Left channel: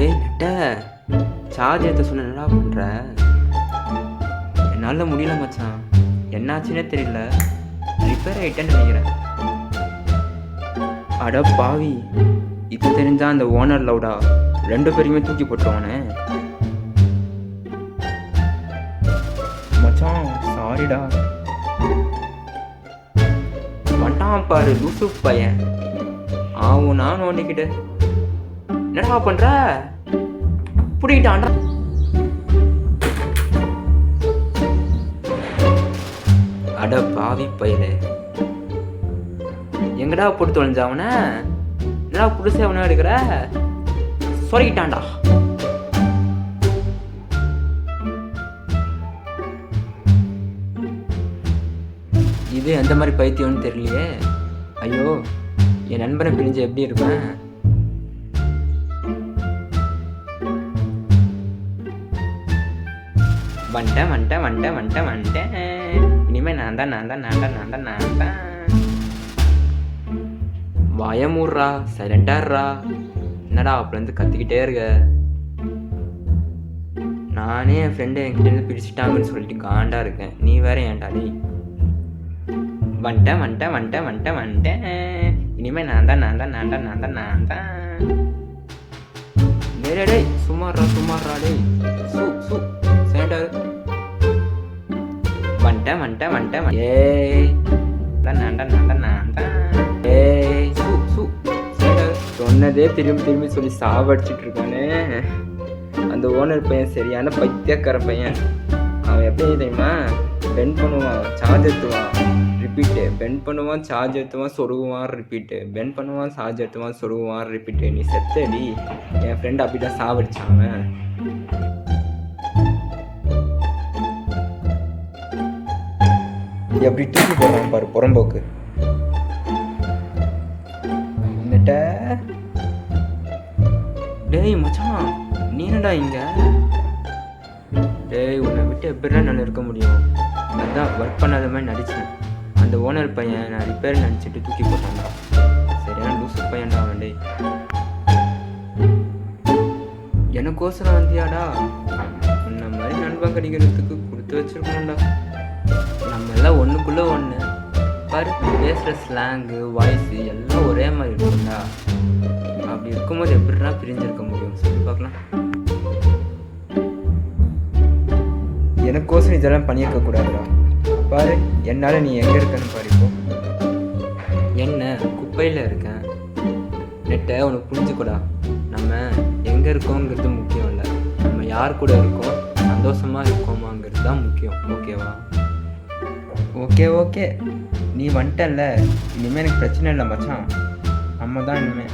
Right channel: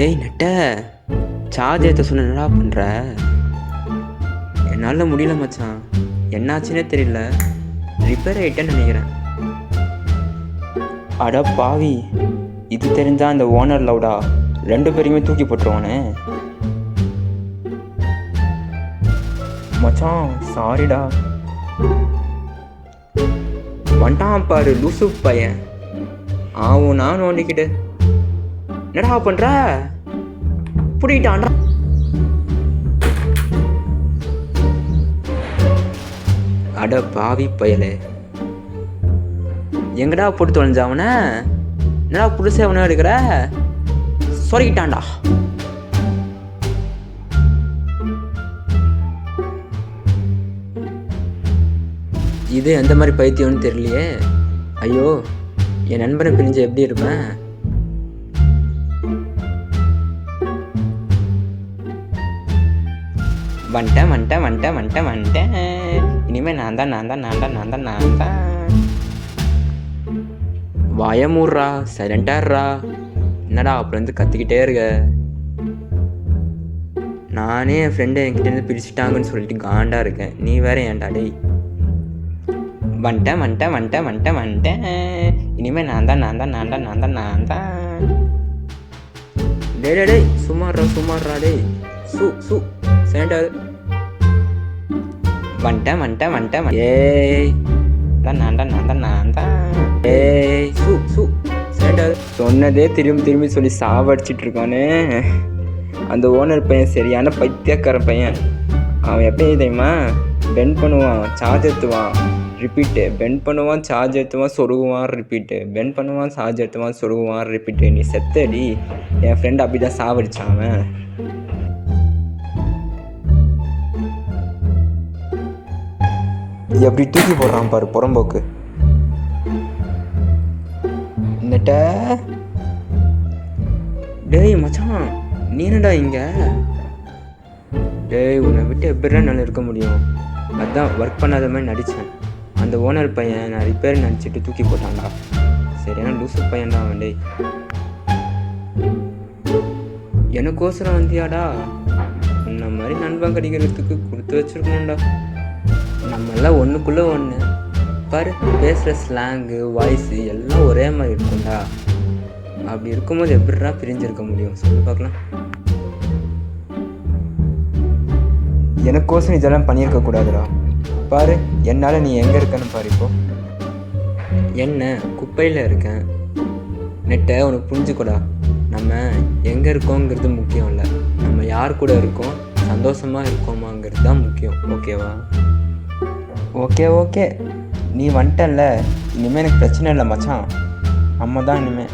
டேய் நெட்ட, சார்ஜ் ஏற்ற சொன்ன என்னடா பண்ணுற? என்னால் முடியல மச்சான், என்னாச்சுன்னே தெரியல. ரிப்பேர் ஆகிட்டேன்னு நினைக்கிறேன். அட பாவி, இது தெரிஞ்சா அந்த ஓனர் லவுடா 2 பேரையுமே தூக்கி போட்டுருவானே. மச்சான் சாரிடா. வந்துட்டான் பாரு லூசு பையன். ஆவும் நான் நோண்டிக்கிட்டு என்னடா பண்ற? புடிக்கிட்டான்டா. அட பாவி பயலே, எங்கடா போட்டு தொலைஞ்ச அவனை? என்னடா புதுசே அவனை எடுக்கிற? சொருகிட்டான்டா. இது எந்த மாதிரி பைத்தியம்னு தெரியலையே. ஐயோ, என் நண்பனை பிரிஞ்சு எப்படி இருப்பேன்? வந்துட்டேன். இனிமே நான் தான். வாயமூடுறா, சைலண்டாடுறா. என்னடா அப்படி கத்திக்கிட்டே இருக்க? நானே என் ஃப்ரெண்டு என்கிட்ட பிரிச்சுட்டாங்கன்னு சொல்லிட்டு காண்டா இருக்கேன். நீ வேற ஏன்டா? டேய் வந்துட்டேன். இனிமே நான் தான். டேய் சும்மாறா டேய். சு சேண்டா. வந்துட்டேன். ஏய் நான் தான். ஏய் சு சேண்டா. சொன்னதே திரும்பி சொல்லி சாவடிச்சிட்டு இருக்கானே அந்த ஓனர் பையன். சரியான பைத்தியக்கார பையன். அவன் எப்பயும் தெரியுமா, பெண்ட் பண்ணுவான், சார்ஜ் ஏற்றுவான், ரிப்பீட்டு. பெண்ட் பண்ணுவான், சார்ஜ் ஏற்றுவான், சொருகுவான், ரிப்பீட்டு. பெண்ட் பண்ணுவான், சார்ஜ் ஏற்றுவான், சொருகுவான், ரிப்பீட்டு. நீ செத்தடி. என் ஃப்ரெண்ட் அப்படி தான் சாவடிச்சான் அவன். எப்படி தூக்கி போடுறான் பாரு புறம்போக்கு. நெட்ட, டேய் மச்சான், நீ என்னடா இங்க? டேய் உன்னை விட்டு எப்படிலாம் நல்லா இருக்க முடியும்? அதான் ஒர்க் பண்ணாத மாதிரி நடித்தேன். அந்த ஓனர் பையன் நான் ரிப்பேர் நினச்சிட்டு தூக்கி போட்டான்டா. சரியான லூசு பையன்டா அவன். டேய் எனக்கோசரம் வந்தியாடா? இந்த மாதிரி நண்பன் கிடைக்கிறதுக்கு கொடுத்து வச்சிருக்கணும்டா. நம்மெல்லாம் ஒன்றுக்குள்ளே ஒன்று பாரு. பேசுகிற ஸ்லாங்கு, வாய்ஸு எல்லாம் ஒரே மாதிரி இருக்கும்டா. அப்படி இருக்கும்போது எப்படிடா பிரிஞ்சிருக்க முடியும் சொல்லி பார்க்கலாம். எனக்கோசம் இதெல்லாம் பண்ணியிருக்கக்கூடாதுடா. பாரு என்னால் நீ எங்கே இருக்கன்னு பாரு. இப்போ என்ன குப்பையில் இருக்கேன். நெட்டை உனக்கு புரிஞ்சுக்கூடா. நம்ம எங்கே இருக்கோங்கிறது முக்கியம் இல்லை, நம்ம யார் கூட இருக்கோம், சந்தோஷமாக இருக்கோமாங்கிறது தான் முக்கியம். ஓகேவா? ஓகே நீ வந்துட்டல்ல, இனிமேல் எனக்கு பிரச்சனை இல்லை மச்சான். நம்ம தான் இனிமேல்.